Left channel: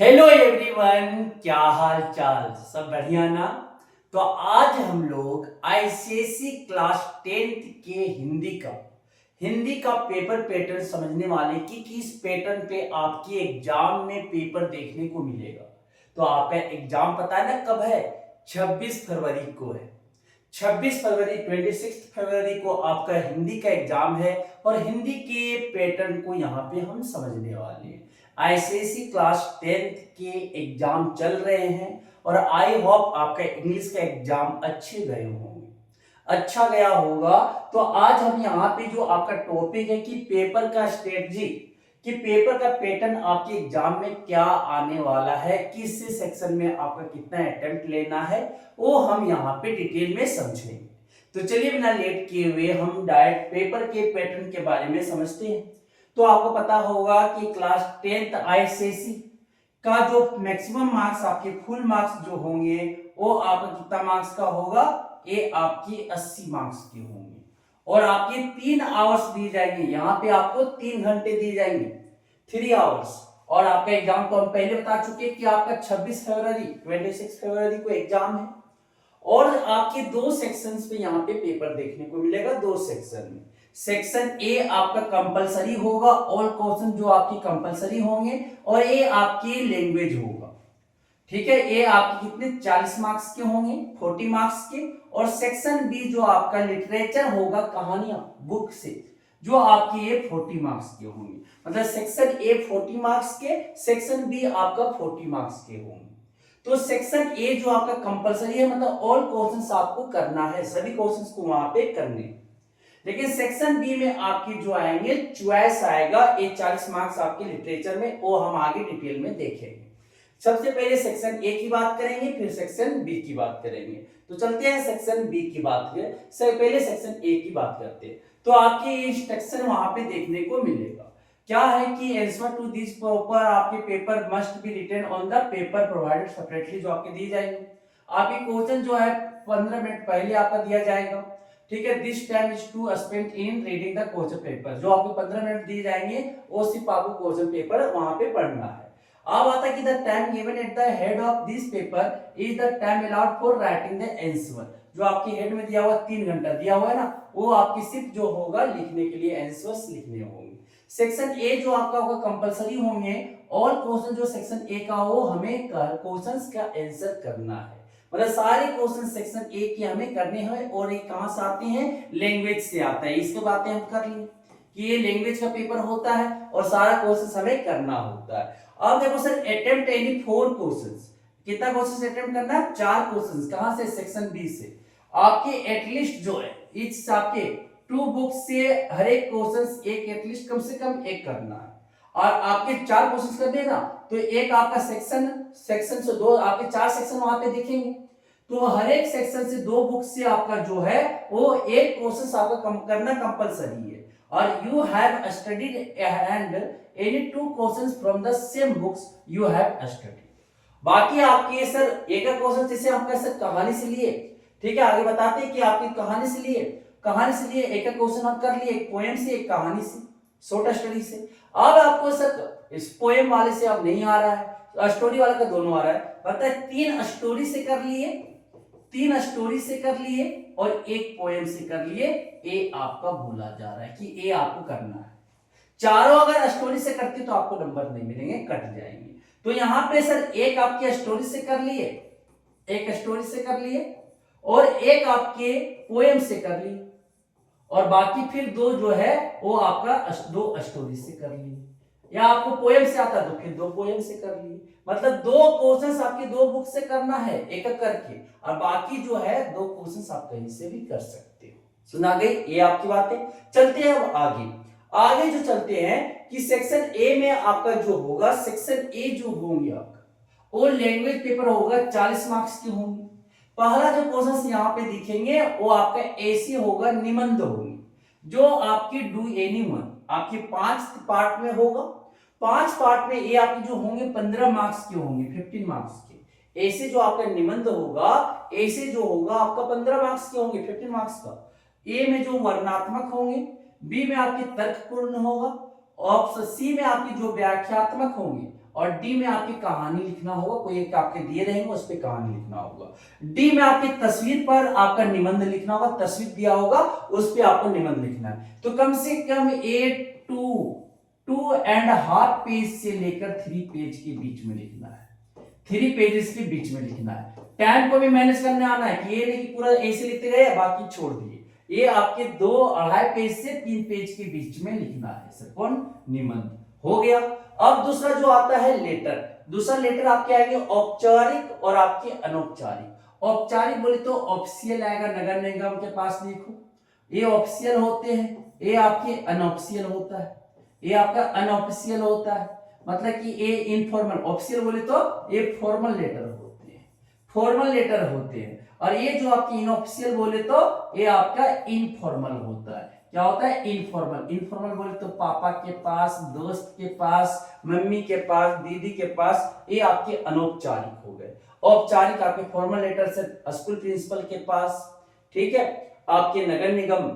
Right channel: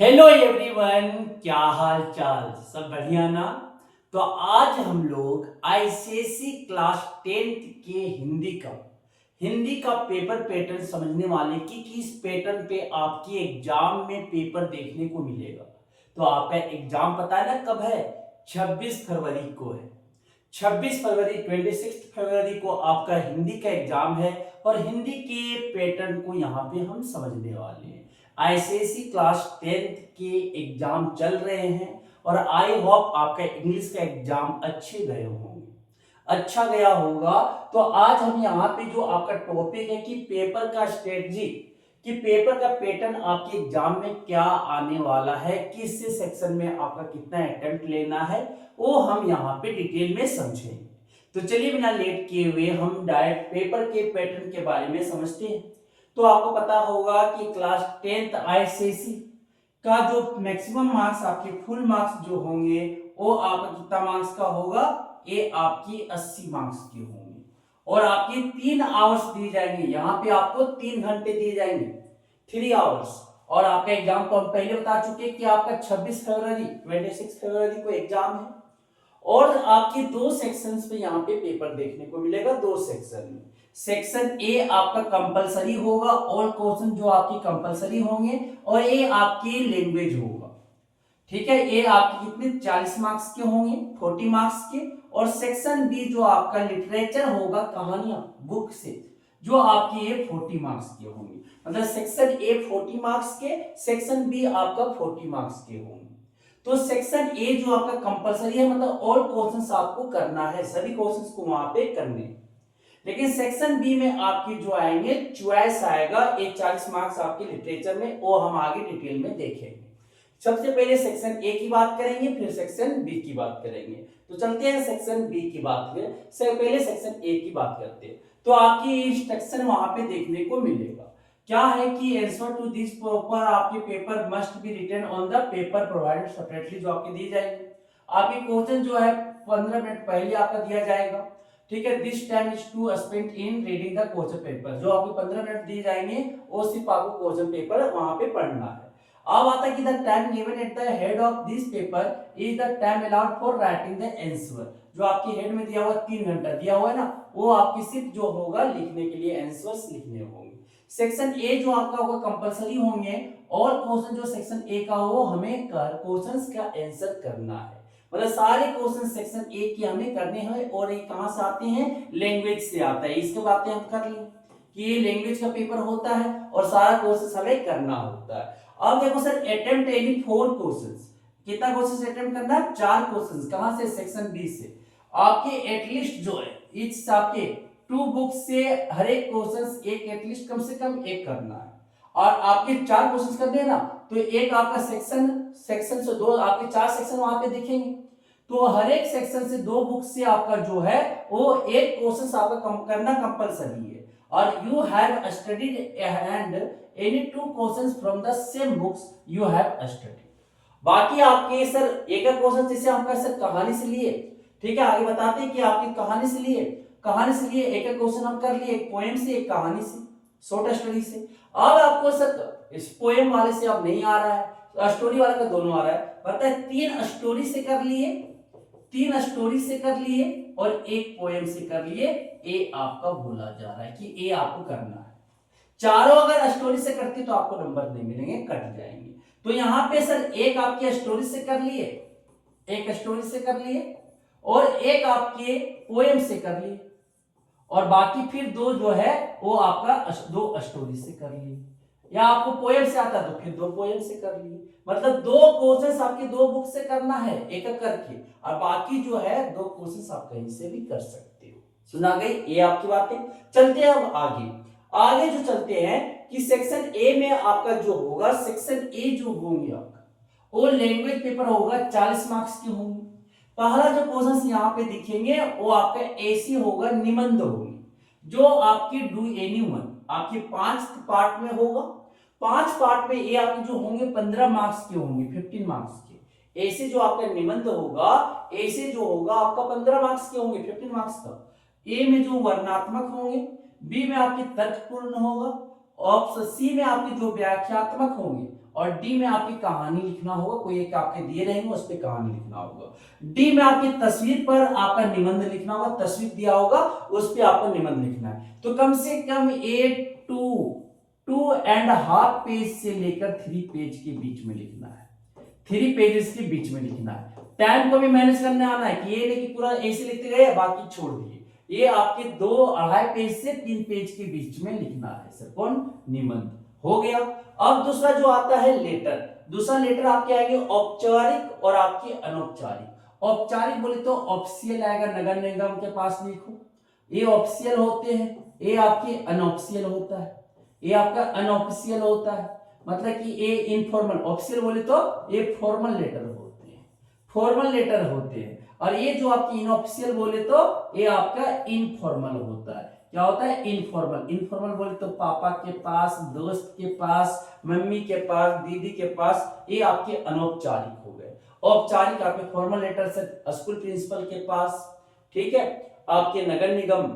Hello everyone, क्या हाल चाल? सब बढ़िया ना? तो आज हम लोग आईसीएसई क्लास 10th के हिंदी का पेपर पैटर्न समझने वाले कि किस पैटर्न पे आपकी एग्जाम में पेपर देखने को मिलेगा। तो आपका एग्जाम पता है ना कब है? 26 फरवरी को है। 26 फरवरी 26 फरवरी को आपका हिंदी का एग्जाम है और हिंदी के पैटर्न को यहाँ पे हम समझने वाले हैं। आईसीएसई क्लास 10th के एग्जाम चल रहे हैं और आई होप आपका इंग्लिश का एग्जाम अच्छे गए होंगे, अच्छा गया होगा। तो आज हम यहाँ पे जो आपका टॉपिक है कि पेपर का स्ट्रेटजी, कि पेपर का पैटर्न आपके एग्जाम में क्या आने वाला है, किस सेक्शन में आपका कितना अटेम्प्ट लेना है, वो हम यहाँ पे डिटेल में समझेंगे। तो चलिए बिना लेट किए हुए हम डायरेक्ट पेपर के पैटर्न के बारे में समझते हैं। तो आपको पता होगा कि क्लास 10th आईसीएसई का जो मैक्सिमम मार्क्स आपके फुल मार्क्स जो होंगे वो आपका कितना मार्क्स का होगा? ये आपकी 80 मार्क्स की होंगे और आपकी 3 आवर्स दिए जाएंगे। यहाँ पे आपको 3 घंटे दिए जाएंगे, 3 आवर्स। और आपका एग्जाम तो हम पहले बता चुके हैं कि आपका 26 फरवरी 26 फरवरी को एग्जाम है और आपके दो सेक्शंस में यहाँ पे पेपर देखने को मिलेगा। दो सेक्शन में सेक्शन ए आपका कंपलसरी होगा, ऑल क्वेश्चन जो आपकी कंपलसरी होंगे, और ए आपकी लैंग्वेज होगा। ठीक है, ये आपके कितने 40 मार्क्स के होंगे, 40 मार्क्स के। और सेक्शन बी जो आपका लिटरेचर होगा, कहानियां बुक से, जो आपकी ये 40 मार्क्स के होंगे। मतलब सेक्शन ए 40 मार्क्स के, सेक्शन बी आपका 40 मार्क्स के होंगे। तो सेक्शन ए जो आपका कंपलसरी है, मतलब ऑल क्वेश्चंस आपको करना है, सभी क्वेश्चंस को वहां पे करने। लेकिन सेक्शन बी में आपकी जो आएंगे चॉइस आएगा, ये 40 मार्क्स आपके लिटरेचर में, वो हम आगे डिटेल में देखेंगे। सबसे पहले सेक्शन ए की बात करेंगे, फिर सेक्शन बी की बात करेंगे। तो चलते हैं सेक्शन बी की बात करें, पहले सेक्शन ए की बात करते हैं। तो आपकी इंस्ट्रक्शन वहां पे देखने को मिलेगा, क्या है कि आंसर टू दिस प्रॉपर आपके paper must be written on the paper provided separately, जो आपके दिए जाएंगे। आपके क्वेश्चन जो है 15 मिनट पहले आपका दिया जाएगा। ठीक है, this time is to spend in reading the question paper, जो आपको 15 मिनट दिए जाएंगे वो सिर्फ आपको क्वेश्चन पेपर वहां पे पढ़ना है। अब आता है कि the time given at the head of this paper is the time allowed for writing the answer, जो आपके हेड में दिया हुआ 3 घंटा दिया हुआ है ना, वो आपकी सिर्फ जो होगा लिखने के लिए आंसर्स लिखने होंगे। सेक्शन ए जो आपका होगा कंपलसरी होंगे, और क्वेश्चन जो सेक्शन ए का हो हमें क्वेश्चंस का आंसर करना है। मतलब सारे क्वेश्चन सेक्शन ए के हमें करने हैं, और ये कहां से आते हैं? लैंग्वेज से आता है। इसके बातें हम कर लिए कि ये लैंग्वेज का पेपर होता है और सारा क्वेश्चन हमें करना होता है। अब देखो सर, अटेम्प्ट एनी 4 क्वेश्चंस, कितना क्वेश्चंस अटेम्प्ट करना है? 4 क्वेश्चंस। कहां से? सेक्शन बी से। आपके एटलीस्ट जो है इस आपके 2 बुक से हर एक क्वेश्चंस एक एटलीस्ट कम से कम एक करना है। और आपके 4 क्वेश्चंस करने ना, तो एक आपका सेक्शन से 2 आपके 4 सेक्शन वहां पे दिखेंगे। तो हर एक सेक्शन से 2 बुक से आपका जो है वो एक क्वेश्चन आपका करना कंपलसरी है। और you have studied and any 2 questions from the same books you have studied. बाकी आपके सर एक क्वेश्चन जैसे हम कैसे कहानी से लिए, ठीक है, आगे बताते हैं कि आपकी कहानी से लिए, एक क्वेश्चन हम कर लिए, एक पोएम से, एक कहानी से, शॉर्ट स्टोरी से। अब आपको सर इस पोएम वाले से अब नहीं आ रहा है, स्टोरी वाले का दोनों आ रहा है, पता है 3 स्टोरी से कर लिए, 3 स्टोरी से कर लिए और एक पोएम से कर लिए। ए आपका भूला जा रहा है कि ए आपको करना है। चारों अगर स्टोरी से करते तो आपको नंबर नहीं मिलेंगे, कट जाएंगे। तो यहां पे सर एक आपके स्टोरी से कर लिए, एक स्टोरी से कर लिए, और एक आपके पोएम से कर लिए, और बाकी फिर 2 जो है वो आपका 2 स्टोरी से कर लिए, या आपको पोएम से आता तो फिर 2 पोएम से कर लिए। मतलब 2 क्वेश्चंस आपके 2 बुक से करना है एक एक करके, और बाकी जो है 2 क्वेश्चंस आप कहीं से भी कर सकते हो। सुना गई ये आपकी बातें। चलते हैं अब आगे जो चलते हैं कि सेक्शन ए में आपका जो होगा, सेक्शन ए जो होंगे आपका वो लैंग्वेज पेपर होगा, 40 मार्क्स की होंगे। पहला जो क्वेश्चन यहाँ पे दिखेंगे वो आपका ऐसी होगा, निबंध होगी, जो आपकी डू एनी वन आपकी 5 पार्ट में होगा। 5 पार्ट में ये आपके जो होंगे 15 मार्क्स के होंगे, 15 मार्क्स के। ऐसे जो आपका निबंध होगा, ऐसे जो होगा आपका 15 मार्क्स के होंगे, 15 मार्क्स का। ए में जो वर्णनात्मक होंगे, बी में आपके तर्कपूर्ण होगा, ऑप्शन सी में आपके जो व्याख्यात्मक होंगे, और डी में आपकी कहानी लिखना होगा, कोई एक आपके दिए रहेंगे उस पर कहानी लिखना होगा। डी में आपकी तस्वीर पर आपका निबंध लिखना होगा, तस्वीर दिया होगा उस पर आपको निबंध लिखना है। तो कम से कम 2.5 पेज से लेकर 3 पेज के बीच में लिखना है, 3 पेजेस के बीच में लिखना है। टाइम को भी मैनेज करने आना है कि ये नहीं कि पूरा ऐसे लिखते गए बाकी छोड़ दिए, ये आपके 2.5 पेज से 3 पेज के बीच में लिखना है सर। कौन? निबंध हो गया। अब दूसरा जो आता है लेटर, दूसरा लेटर आपके आएंगे औपचारिक और आपके अनौपचारिक। औपचारिक बोले तो ऑफिशियल आएगा, नगर निगम के पास लिखो, ये ऑफिशियल होते हैं। ये आपके अनऑफिशियल होता है, ये आपका अनऑफिशियल होता है, मतलब कि ये इनफॉर्मल। ऑफिशियल बोले तो ये फॉर्मल लेटर होते हैं, फॉर्मल लेटर होते हैं। और ये जो आपकी इनऑफिशियल बोले तो ये आपका इनफॉर्मल होता है। क्या होता है? इनफॉर्मल। इनफॉर्मल बोले तो पापा के पास, दोस्त के पास, मम्मी के पास, दीदी के पास, ये आपके अनौपचारिक हो गए। औपचारिक आपके फॉर्मल लेटर से स्कूल प्रिंसिपल के पास, ठीक है, आपके नगर निगम,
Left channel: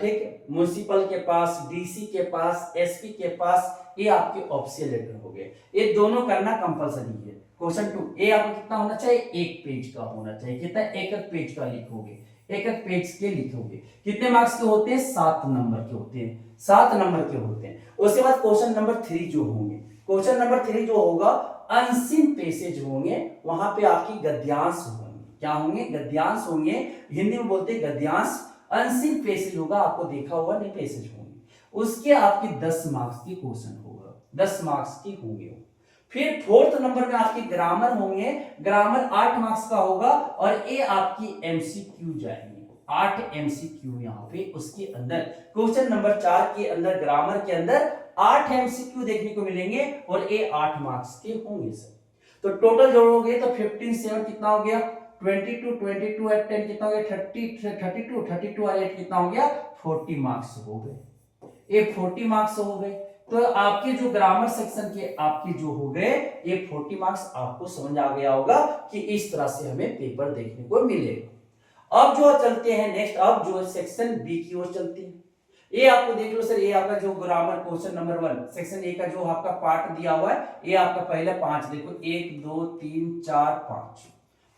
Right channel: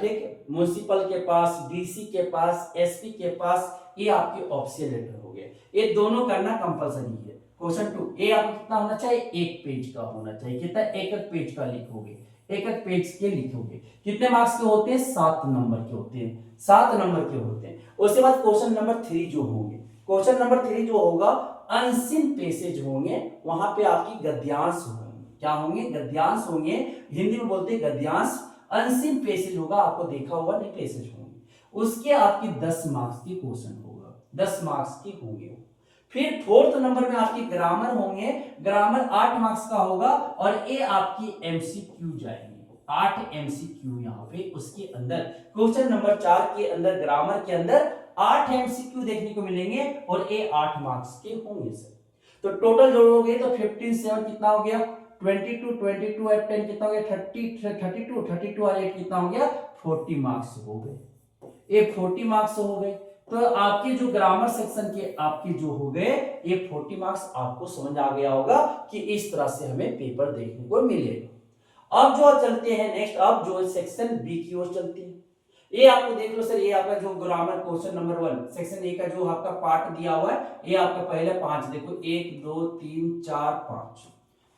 ठीक, म्युनिसिपल के पास, डीसी के पास, एसपी के पास, ये आपके ऑफिशियल लेटर हो गए। ये दोनों करना कंपलसरी है। क्वेश्चन 2 ये आपको कितना होना चाहिए? 1 पेज का होना चाहिए। कितना? 1 पेज का लिखोगे, 1 पेज के लिखोगे। कितने मार्क्स के होते हैं? 7 नंबर के होते हैं, 7 नंबर के होते हैं। उसके बाद क्वेश्चन नंबर 3 जो होंगे, क्वेश्चन नंबर 3 जो होगा अनसीन पैसेज होंगे, वहां पे आपकी गद्यांश होंगे। क्या होंगे? गद्यांश होंगे, हिंदी में बोलते हैं गद्यांश। अनसीन पैसेज होगा, आपको देखा होगा नहीं पैसेज होंगे, उसके आपके 10 मार्क्स के क्वेश्चन होगा, 10 मार्क्स के होंगे। फिर 4th नंबर में आपके ग्रामर होंगे, ग्रामर 8 मार्क्स का होगा और ये आपकी एमसीक्यू जाएंगे, 8 एमसीक्यू यहाँ पे। उसके अंदर क्वेश्चन नंबर 4 के अंदर, ग्रामर के अंदर 8 एमसीक्यू देखने को मिलेंगे और ये 8 मार्क्स के होंगे सर। तो टोटल जोड़ोगे तो 15 7 कितना हो गया? 22 22 और 10 कितना हो गया? 32 और 8 कितना हो गया? 40 मार्क्स हो गए। ये 40 मार्क्स हो गए। तो आपके जो ग्रामर सेक्शन के आपके जो हो गए ये 40 मार्क्स, आपको समझ आ गया होगा कि इस तरह से हमें पेपर देखने को मिलेगा। अब जो चलते हैं नेक्स्ट, अब जो सेक्शन बी की ओर चलते हैं। ये आपको देख लो सर, ये आपका जो grammar question number 1 section A का जो आपका पार्ट दिया हुआ है, ये आपका पहले 5 देखो, 1 2 3 4 5,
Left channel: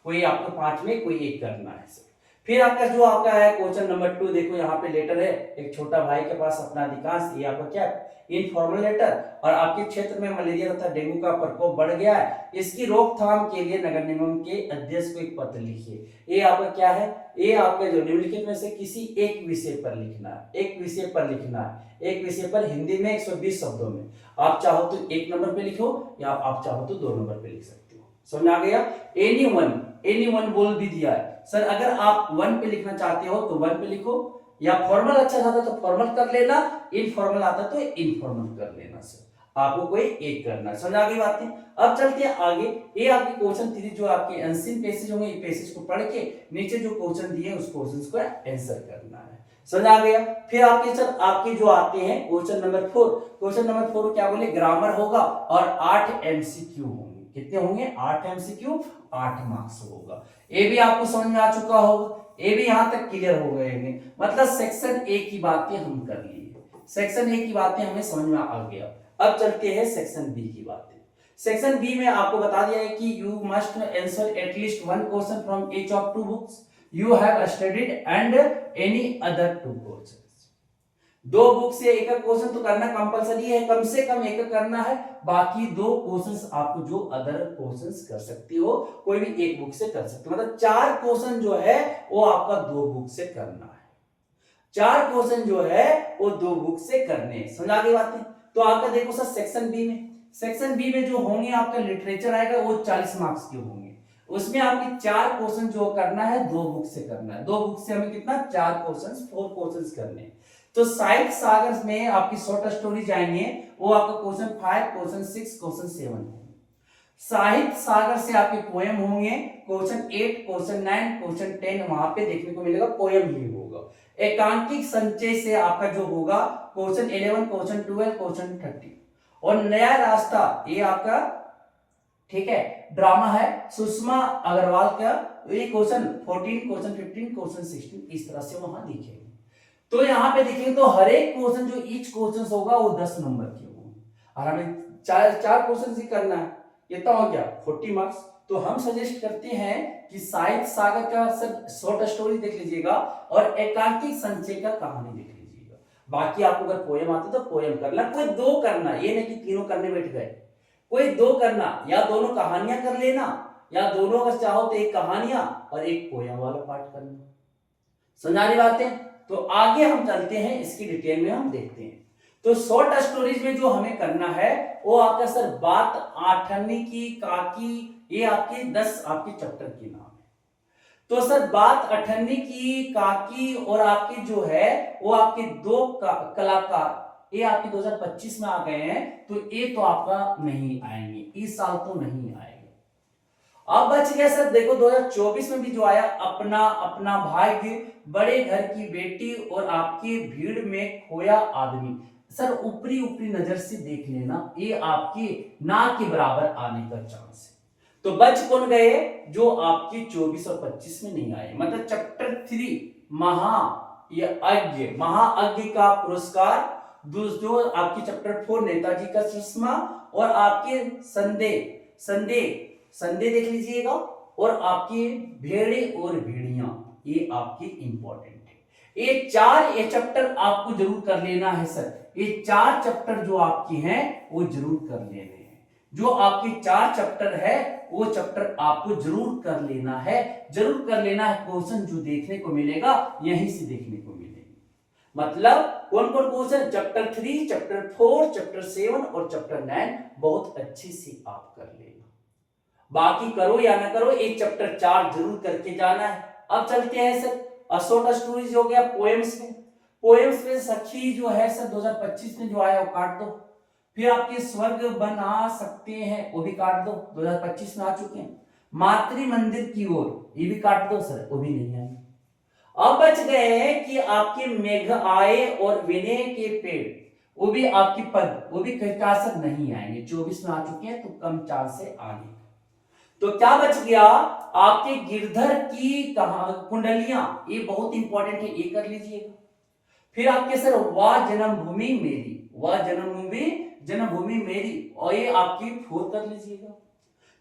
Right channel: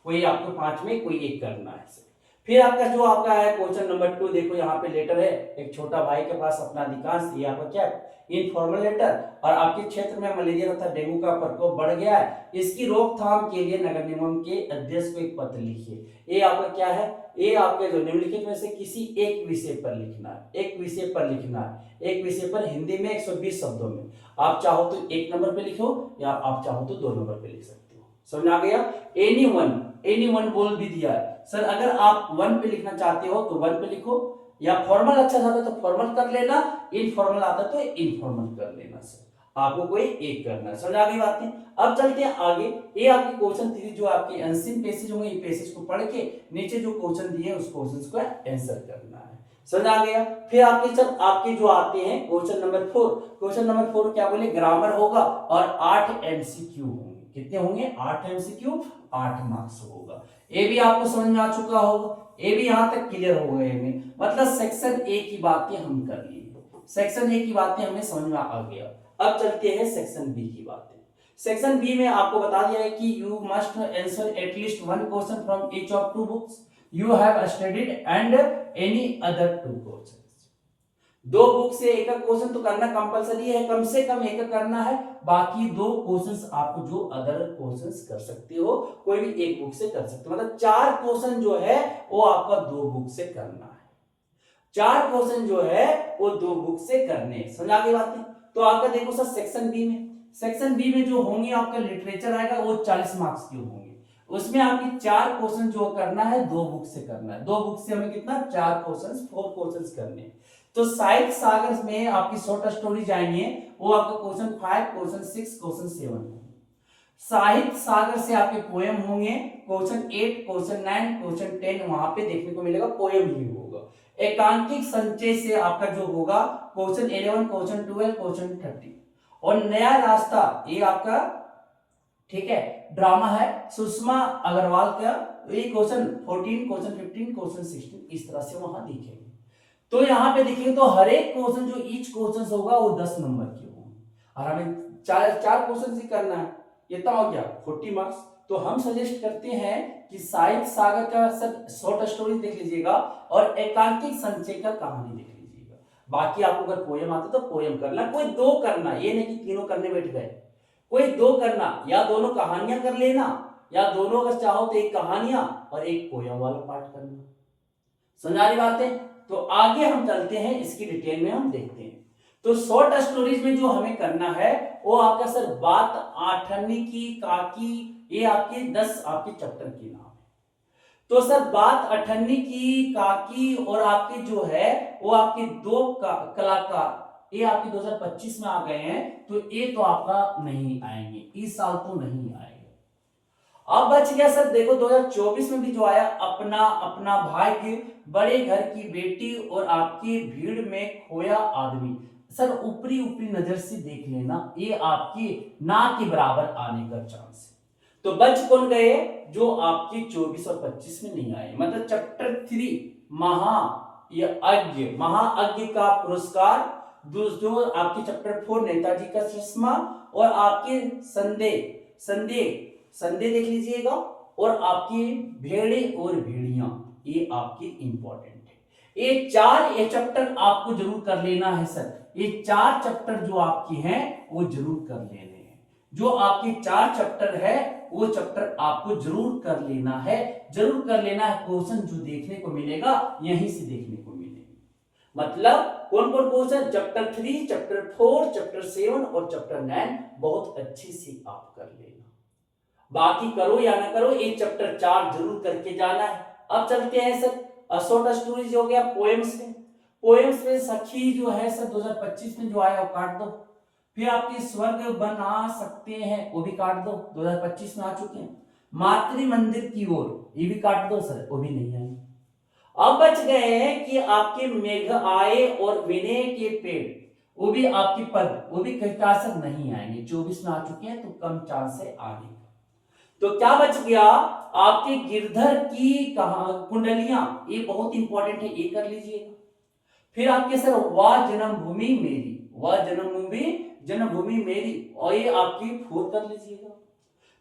कोई आपको 5 में कोई एक करना है सर। फिर आपका जो आपका है क्वेश्चन नंबर 2 देखो, यहाँ पे लेटर है, एक छोटा भाई के पास अपना अधिकांश, ये आपका क्या है? Informal letter. और आपके क्षेत्र में मलेरिया तथा डेंगू का प्रकोप बढ़ गया है, इसकी रोकथाम के लिए नगर निगम के अध्यक्ष को एक पत्र लिखिए। ये आपका क्या है? ये आपके जो निम्नलिखित में से किसी एक विषय पर लिखना है, एक विषय पर लिखना है, एक विषय पर हिंदी में 120 शब्दों में। आप चाहो तो 1 नंबर पे लिखो या आप चाहो तो 2 नंबर पे लिख सकते हो। समझ आ गया? एनी वन बोल भी दिया है सर, अगर आप 1 पे लिखना चाहते हो तो 1 पे लिखो, या फॉर्मल अच्छा आता तो फॉर्मल कर लेना, इनफॉर्मल आता तो इनफॉर्मल कर लेना सर। आपको कोई एक करना है। समझ आ गई बातें? अब चलते हैं आगे। ये आपके क्वेश्चन 3 जो आपके अनसीन पैसेज होंगे, ये पैसेज को पढ़ के नीचे जो क्वेश्चन दिए उस क्वेश्चन को आंसर करना है। समझ आ गया? फिर आपके सर आपके जो आते हैं क्वेश्चन नंबर 4, क्वेश्चन नंबर 4 क्या बोले? ग्रामर होगा और 8 एमसीक्यू होंगे। कितने होंगे? 8 एमसीक्यू, 8 मार्क्स होगा। ये भी आपको समझ में आ चुका होगा, ये भी यहां तक क्लियर हो गए हैं। मतलब सेक्शन ए की बातें हम कर लिए, सेक्शन ए की बातें हमें समझ में आ गया। अब चलते हैं सेक्शन बी की बातें। सेक्शन बी में आपको बता दिया है कि you must answer at least 1 question from each of 2 books you have studied and any other 2 question. 2 book से एक क्वेश्चन तो करना कंपलसरी है, कम से कम एक करना है, बाकी 2 क्वेश्चंस आपको जो अदर क्वेश्चंस कर सकते हो, कोई भी एक बुक से कर सकते हो। मतलब 4 क्वेश्चन जो है वो आपका 2 बुक से करना है, 4 क्वेश्चन जो है वो 2 बुक से करने। समझ आ गई बातें? तो आपका देखो सर सेक्शन बी में, सेक्शन बी में जो होंगे आपका लिटरेचर आएगा वो 40 मार्क्स के होंगे। उसमें आपकी 4 क्वेश्चन जो करना है 2 बुक से करना है। 2 बुक से हमें कितना? 4 क्वेश्चन, 4 क्वेश्चन करने हैं। तो साहित्य सागर में आपकी शॉर्ट स्टोरी जाएंगे, वो आपका क्वेश्चन 5, क्वेश्चन 6, क्वेश्चन 7 होंगे। साहित्य सागर से आपके पोएम होंगे, क्वेश्चन 8, क्वेश्चन 9, क्वेश्चन 10 वहां पे देखने को मिलेगा पोएम ही होगा। एकांकिक संचय से आपका जो होगा क्वेश्चन 11, क्वेश्चन 12, क्वेश्चन 13। और नया रास्ता ये आपका, ठीक है, ड्रामा है सुषमा अग्रवाल का, ये क्वेश्चन 14, क्वेश्चन 15, क्वेश्चन 16 इस तरह से वहां दिखेंगे। तो यहाँ पे देखिए तो हर एक क्वेश्चन जो ईच क्वेश्चन होगा वो 10 नंबर के होंगे। और हमें चार चार क्वेश्चन ही करना है, कितना हो गया 40 मार्क्स। तो हम सजेस्ट करते हैं कि साहित्य सागर का सर शॉर्ट स्टोरी देख लीजिएगा और एकांकिक संचय का कहानी देख लीजिएगा। बाकी आपको अगर पोयम आता तो पोयम करना, कोई दो करना, ये नहीं कि तीनों करने बैठ गए, कोई दो करना, या दोनों कहानियां कर लेना, या दोनों अगर चाहो तो एक कहानियां और एक पोयम वाला पार्ट करना। समझ आ रही बातें? तो आगे हम चलते हैं, इसकी डिटेल में हम देखते हैं। तो शॉर्ट स्टोरीज में जो हमें करना है वो आपका सर बात आठन्नी की काकी, ये आपकी 10 आपके चैप्टर की नाम है। तो सर बात अठन्नी की काकी और आपकी जो है वो आपके दो कलाकार, ये आपके 2025 में आ गए हैं, तो ये तो आपका नहीं आएंगे, इस साल तो नहीं आएंगे। अब बच गया सर, देखो 2024 में भी जो आया अपना अपना भाग्य, बड़े घर की बेटी और आपकी भीड़ में खोया आदमी। सर ऊपरी ऊपरी नजर से देख लेना, ये आपकी ना के बराबर आने का चांस है। तो बच कौन गए? जो आपकी 24 और 25 में नहीं आए, मतलब चैप्टर 3 महाअज्ञ का पुरस्कार, जो आपकी चैप्टर 4 नेताजी का चश्मा, और आपके संदेह देख लीजिएगा, और आपकी भेड़े और भेड़ियां, ये आपकी इंपॉर्टेंट है। ये चैप्टर आपको जरूर कर लेना है सर, ये 4 चैप्टर जो आपकी हैं वो जरूर कर लेने हैं। जो आपके 4 चैप्टर है वो चैप्टर आपको जरूर कर लेना है, जरूर कर लेना है। क्वेश्चन जो देखने को मिलेगा यहीं से देखने को मिलेगा, मतलब कौन कौन क्वेश्चन, चैप्टर 3, चैप्टर 4, चैप्टर 7 और चैप्टर 9 बहुत अच्छे से आप कर लेना। बाकी करो या ना करो, एक चैप्टर 4 जरूर करके जाना है। अब चलते हैं सर शॉर्ट स्टोरीज हो गया, पोएम्स में। पोएम्स में सखी जो है सर 2025 में जो आया वो काट दो। फिर आपके स्वर्ग बना सकते हैं, वो भी काट दो, 2025 में आ चुके हैं। मातृ मंदिर की ओर, ये भी काट दो सर, वो भी नहीं आएंगे। अब बच गए हैं कि आपके मेघ आए और विनय के पेड़, वो भी आपकी पद, वो भी कीटनाशक नहीं आएंगे, 24 में आ चुके हैं, तो कम चांस है आगे। तो क्या बच गया? आपके गिरधर की कुंडलियां, ये बहुत इंपॉर्टेंट है, ये कर लीजिएगा। फिर आपके सर वाह जन्मभूमि मेरी, वाह जन्मभूमि मेरी, और ये आपकी 4 कर लीजिएगा।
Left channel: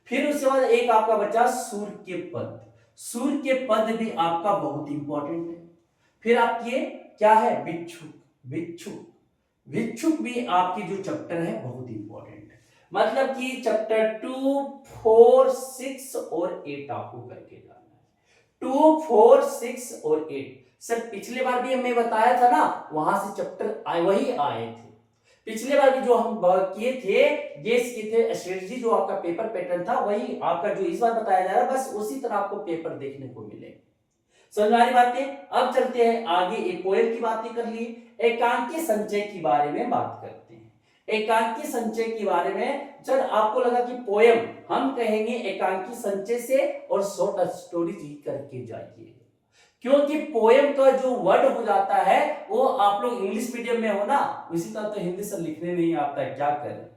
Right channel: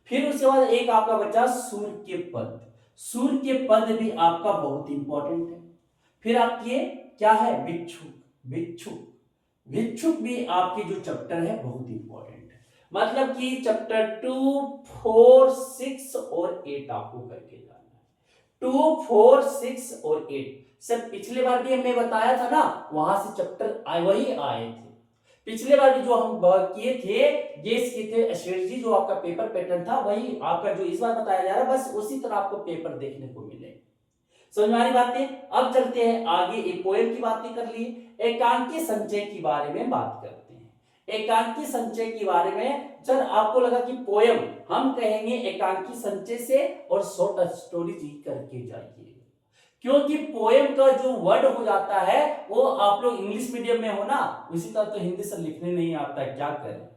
फिर उसके बाद एक आपका बचा सूर्य के पद, सूर्य के पद भी आपका बहुत इंपॉर्टेंट है। फिर आपके क्या है, भिक्षुक भी आपकी जो चैप्टर है बहुत इंपॉर्टेंट है। मतलब कि चैप्टर 2, 4, 6 और 8 आपको करके जाना है। 2, 4, 6 और 8। सर पिछले बार भी हमें बताया था ना, वहां से चैप्टर वही आए थे। पिछले बार भी जो हम किए थे, गेस किए थे, स्ट्रेटजी जो आपका पेपर पैटर्न था वही आपका जो इस बार बताया जा रहा है, बस उसी तरह आपको पेपर देखने को मिले। समझ में आ रही बातें? अब चलते हैं आगे, एक पोएम की बातें कर ली, एकांकी संचय के बारे में बात करते हैं। एकांकी संचय के बारे में सर आपको लगा कि पोएम हम कहेंगे एकांकी संचय से, और शॉर्ट स्टोरीज ही करके जाइए, क्योंकि पोएम का जो वर्ड हो जाता है वो आप लोग इंग्लिश मीडियम में हो ना, उसी तरह तो हिंदी से लिखने नहीं आता है, क्या करें,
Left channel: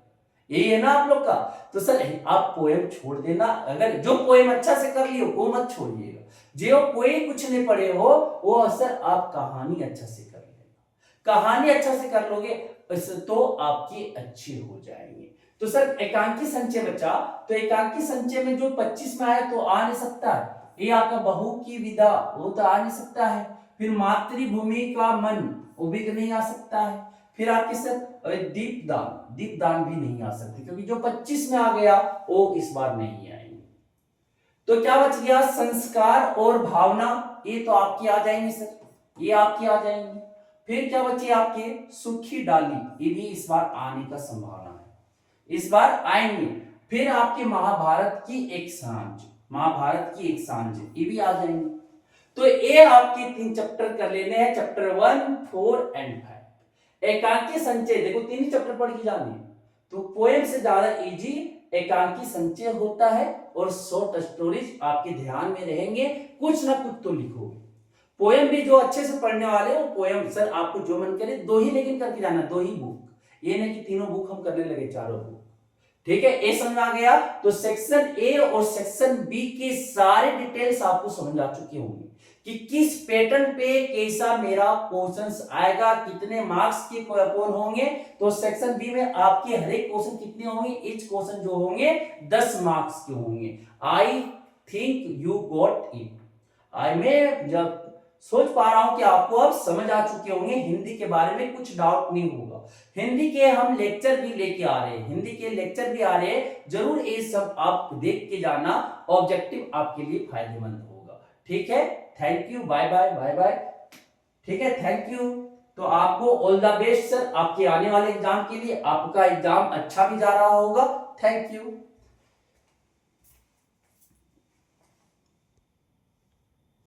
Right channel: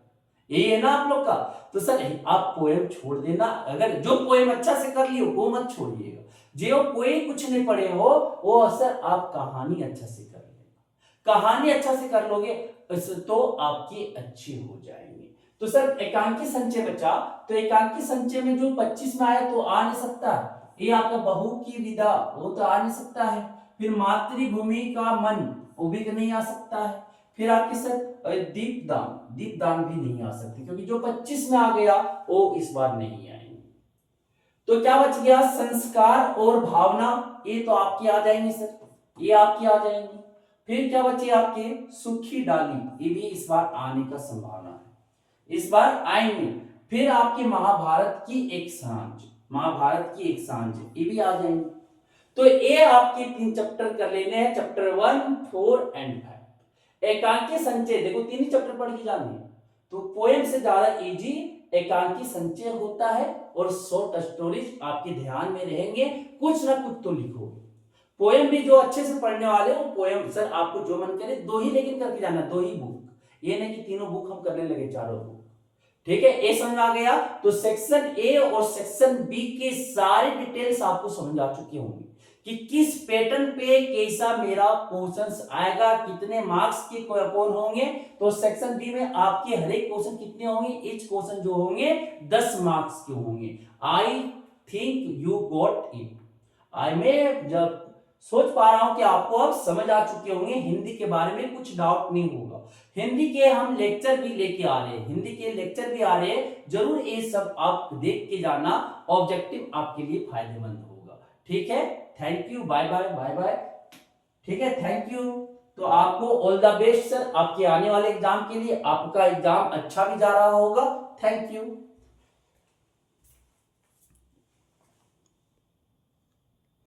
यही है ना आप लोग का। तो सर आप पोएम छोड़ देना, अगर जो पोएम अच्छा से कर लियो वो मत छोड़िएगा, जो कोई कुछ नहीं पढ़े हो वो सर आप कहानी अच्छा से कर लेना, कहानी अच्छा से कर लोगे तो आपकी अच्छी हो जाएंगे। तो सर एकांकी संचय बचा, तो एकांकी संचय में जो 25 में आया तो आ नहीं सकता है, ये आपका बहू की विदा, वो तो आ नहीं सकता है। फिर मातृभूमि का मन, वो भी नहीं आ सकता है। फिर आपके सर दीपदान भी नहीं आ सकती, क्योंकि जो 25 में आ गया वो इस बार नहीं आएंगे। तो क्या बच गया? संस्कार और भावना, ये तो आपकी आ जाएंगे सर, ये आपकी आ जाएंगे। फिर क्या बचे आपके? सूखी डाली, ये भी इस बार आने का संभावना है, इस बार आएंगे। फिर आपके महाभारत की एक सांझ, ये भी आ जाएंगे। तो ये आपके 3 चैप्टर कर लेने हैं, चैप्टर 1, 4 एंड 5। एकांकी संचय देखो 3 ही चैप्टर पढ़ के जाने हैं, तो पोएम से ज्यादा इजी एकांकी संचय होता है, और शॉर्ट स्टोरीज आपके ध्यान में रहेंगे, कुछ ना कुछ तो लिखोगे। पोएम भी जो अच्छे से पढ़ने वाले हो, पोएम सर आपको जो मन करे 2 ही लेकिन करके जाना, 2 ही बुक, ये नहीं कि तीनों बुक हम करने लगे, 4 बुक, ठीक है। ए समझ आ गया? तो सेक्शन ए और सेक्शन बी के सारे डिटेल्स आपको समझ आ चुके होंगे कि किस पैटर्न पे कैसा मेरा क्वेश्चंस आएगा, कितने मार्क्स के कौन होंगे। तो सेक्शन बी में आपके हर एक क्वेश्चन कितने होंगे, ईच क्वेश्चन जो होंगे 10 मार्क्स के होंगे। I think you got it. मैं जब सोच पा रहा हूं कि आपको अब समझ आ चुके होंगे, हिंदी के बारे में कुछ डाउट नहीं होगा। हिंदी के हम लेक्चर भी लेके आ रहे हैं, हिंदी के लेक्चर भी आ रहे हैं, जरूर ये सब आप देख के जाना, ऑब्जेक्टिव आपके लिए फायदेमंद होगा। ठीक है, thank you, bye bye bye bye. ठीक है, थैंक यू। तो आपको ऑल द बेस्ट सर, आपके आने वाले एग्जाम के लिए। आपका एग्जाम अच्छा भी जा रहा होगा। Thank you.